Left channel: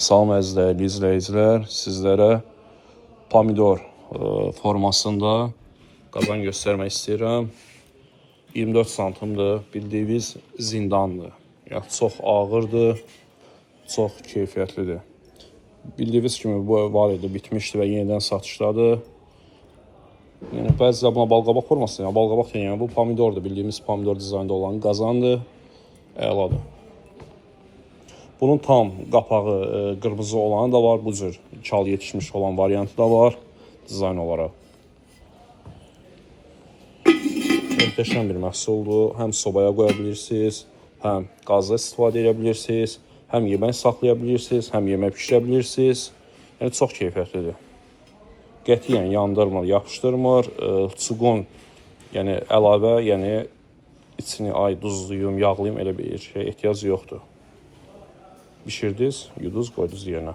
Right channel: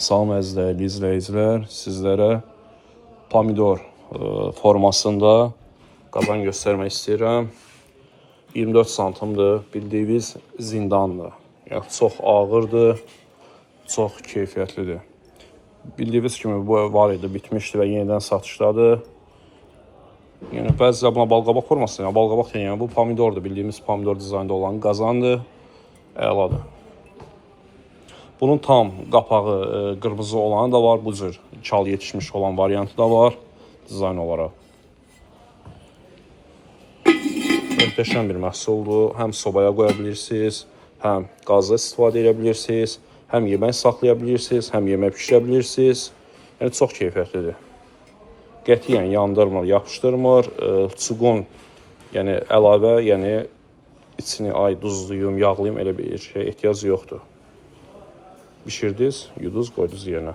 Salam əziz dəyərli izləyicilər, sizlərə pomidor formasında qaban göstərmək istəyirəm. 24 santimdir, bildiyiniz zindandır. Yəni, çox ağırdır, çox keyfiyyətlidir. Bildiyiniz kimi bu var idi, bitmişdi və yenidən satışdadır. Yəni, bəzilər buna balqabaq formasıdır, yəni balqabaq deyil, yəni bu pomidordur, bildiyimiz pomidor dizaynda olan qazandır, əladır. Bunun tam qapağı qırmızı olanı da var, bu cür çal yetişmiş olan variantı da var dizayn olaraq. Möhtəşəm bir məhsuldur. Həm sobaya qoya bilirsiniz, həm qazda istifadə edə bilirsiniz, həm yemək saxlaya bilirsiniz, həm yemək pişirə bilirsiniz. Yəni, çox keyfiyyətlidir. Qətiyyən yandırmır, yapışdırmır. Çuqun, yəni əlavə, yəni içini duzluyum, yağlayım, elə bir şey ehtiyac yoxdur. Bişirdiniz, yuduz, qoydunuz yerinə.